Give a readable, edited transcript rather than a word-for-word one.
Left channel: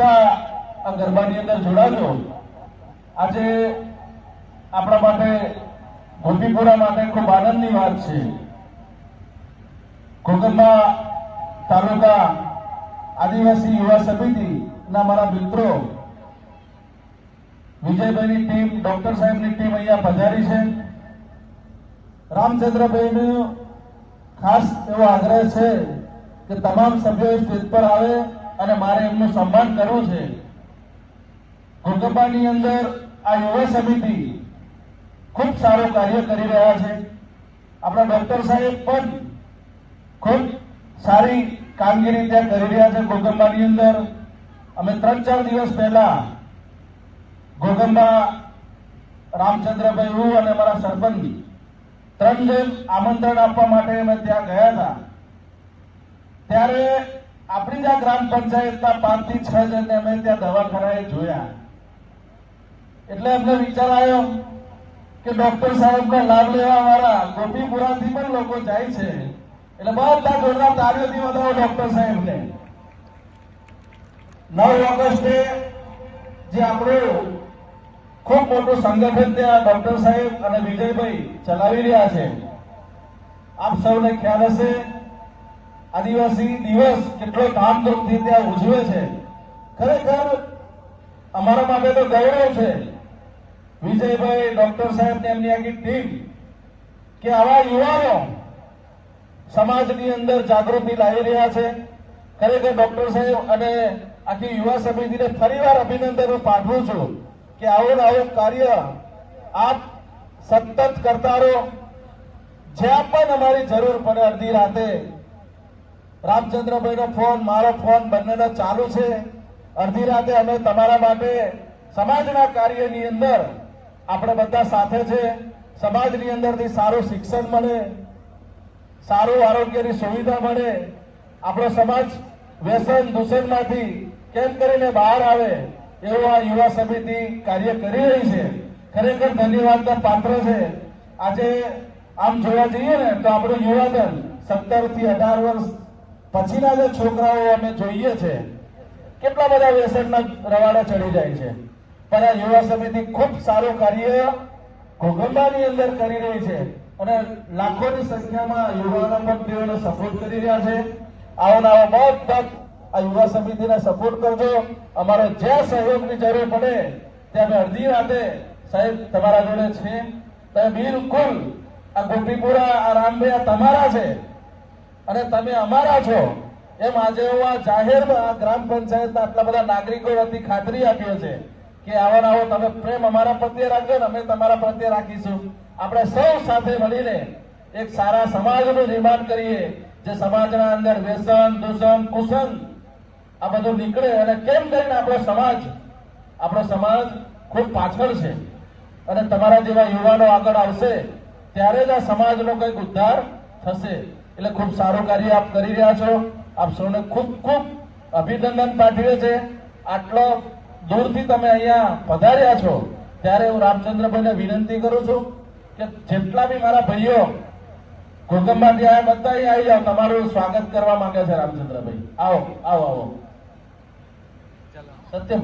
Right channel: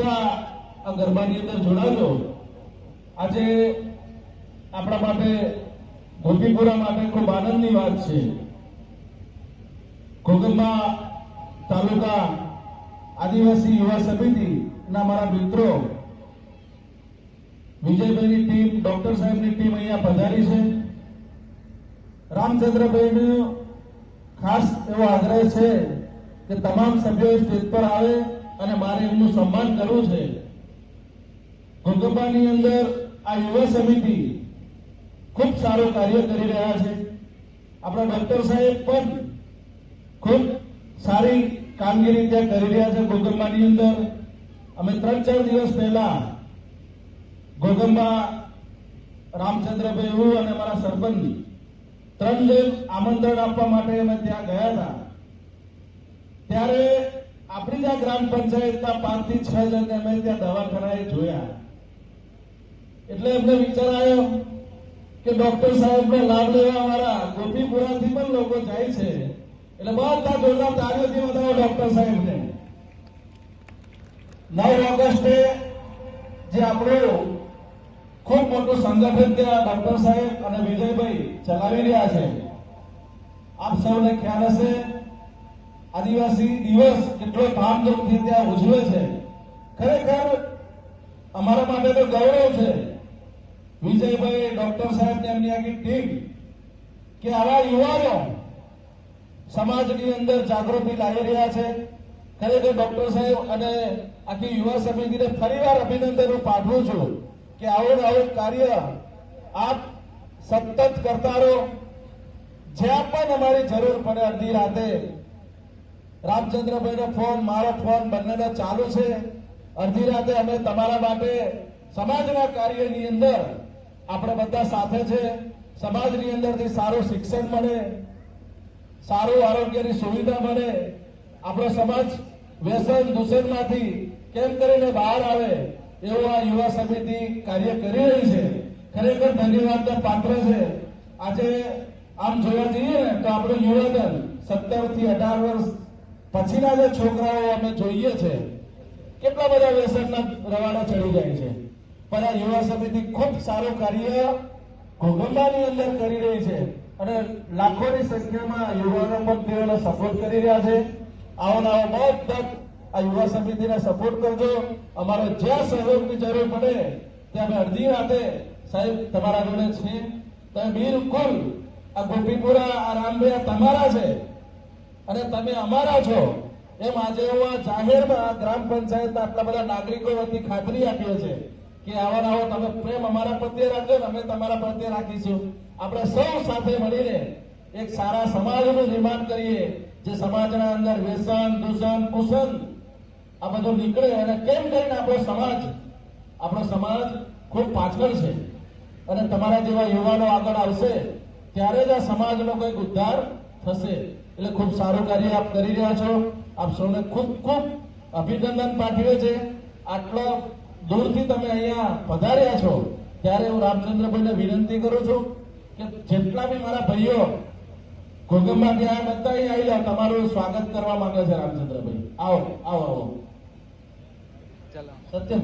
બધા આ ગરબાની અંદર જોડાજો. આજે આપણા માટે ધોતીપુરા માટે ખૂબ આનંદની વાત છે. ઘોગંબા તાલુકા આદિવાસી યુવા સમિતિના મારા મિત્રો વિજયભાઈની ટીમ, ડોક્ટર સાહેબની ટીમ અહીંયા પધારી છે. રામચંદ્રભાઈનો ખાસ એવો આગ્રહ છે કે તમામ સભ્યો સ્ટેજ પર આવે અને મારે એમનું સન્માન કરવું છે. ઘોગંબાની અંદર આ યુવા સમિતિ ખૂબ સારું કાર્ય કરી રહ્યા છે. આપણા ડોક્ટર સાહેબ પણ ખૂબ સારી કામગીરી ત્યાં કરી રહ્યા છે. ઘોગંબાની અંદર અમે 3-4 દિવસ પહેલા ઘોગંબા રામચંદ્રભાઈ, હું અને મારા સરપંચ 3 જણ આમંત્રણ આપવા માટે અમે ત્યાં ગયા હતા. ત્યારે આપણી જ ગ્રામ પંચાયતના 5 થી 6 જણને અમે ત્યાં દવાખાનાએ જોયા. એટલે અમને વિચાર આવ્યો કે ડોક્ટર સાહેબનો લાભ લેવા વાળા ગોપીપુરાથી પણ લોકો જાય છે, એટલે બધા જોરદાર તાળીઓથી વધારો ડોક્ટર સાહેબને. 9 ઓગસ્ટે જે આપણું ખૂબ મોટું સંગઠન ત્યાં ડોક્ટર સાહેબ અને વિજયભાઈ ચલાવી રહ્યા છે. આપ સૌને ખ્યાલ હશે, આદિવાસી દિવસ કેટલો ધામધૂમથી ત્યાં ઉજવે છે. ખરેખર અમારા માટે તો ગૌરવ છે વિજયભાઈ, ડોક્ટર સાહેબ ને એમની આખી ટીમ કે આવા યુવાનો સમાજની અંદર જાગૃતિ લાવી રહ્યા છે. ખરેખર ડોક્ટર સાહેબ અને આખી યુવા સમિતિને ફરીવાર અભિનંદન પાઠવું છું કે આવું ને આવું કાર્ય આપ સતત કરતા રહો. જ્યાં પણ અમારી જરૂર પડે અડધી રાતે રામચંદ્રભાઈનો ફોન, મારો ફોન બંનેનો ચાલુ છે. અડધી રાતે અમે તમારા માટે સમાજના કાર્યની અંદર આપણે બધા સાથે છે. સમાજની અંદરથી સારું શિક્ષણ મળે, સારું આરોગ્યની સુવિધા મળે, આપણો સમાજ વ્યસન દૂષણમાંથી કેમ કરીને બહાર આવે એવું આ યુવા સમિતિ કાર્ય કરી રહી છે. ખરેખર ધન્યવાદના પાત્ર છે. આજે આમ જોવા જઈએ ને તો આપણું યુવાધન 17 થી 18 વર્ષ પછીના જે છોકરાઓ અમે જોઈએ છે, કેટલા બધા વ્યસનના રવાડા ચડી જાય છે. પણ આ યુવા સમિતિ ખૂબ સારું કાર્ય ઘોગંબાની અંદર કરી રહી છે અને લાખોની સંખ્યામાં યુવાનો પણ તેઓને સપોર્ટ કરી રહ્યા છે. આવો બધા આ યુવા સમિતિને સપોર્ટ કરજો. અમારે જ્યાં સહયોગની જરૂર પડે ત્યાં અડધી રાતે સાહેબ તમારા જોડે છે. તમે બિલકુલ આ ગોપીપુરા, આ રામભાઈ આ તમારા છે અને તમે અમારા છો એમ આજે આ જાહેરમાં ગ્રામ પંચાયતના આટલા બધા નાગરિકો વતી ખાતરી આપીએ છે કે આવો તમે પ્રેમ અમારા પ્રત્યે રાખજો ને અમે તમારા પ્રત્યે રાખીશું. આપણે સૌ સાથે મળીને એક સારા સમાજનું નિર્માણ કરીએ, જે સમાજના અંદર વ્યસન, દૂષણ, કુસન આ બધું નીકળે અને કેમ કરીને આપણો સમાજ ખૂબ પાછળ છે અને તમારા જેવા યુવાનો આગળ આવશે ત્યારે જ આ સમાજનો કંઈક ઉદ્ધાર થશે. એટલે ખૂબ સારું કાર્ય આપ કરી રહ્યા છો. આપ સૌને ખૂબ ખૂબ અભિનંદન પાઠવીએ છે. આટલો દૂરથી તમે અહીંયા પધાર્યા છો ત્યારે હું રામચંદ્રભાઈને વિનંતી કરું છું કે જેટલા બી મારા ભાઈઓ ઘોગંબાથી આવ્યા બધા અહીં આવી જાઓ. તમારું સ્વાગત કરવા માંગે છે રામચંદ્રભાઈ. આવો આવો આવો. સત્ય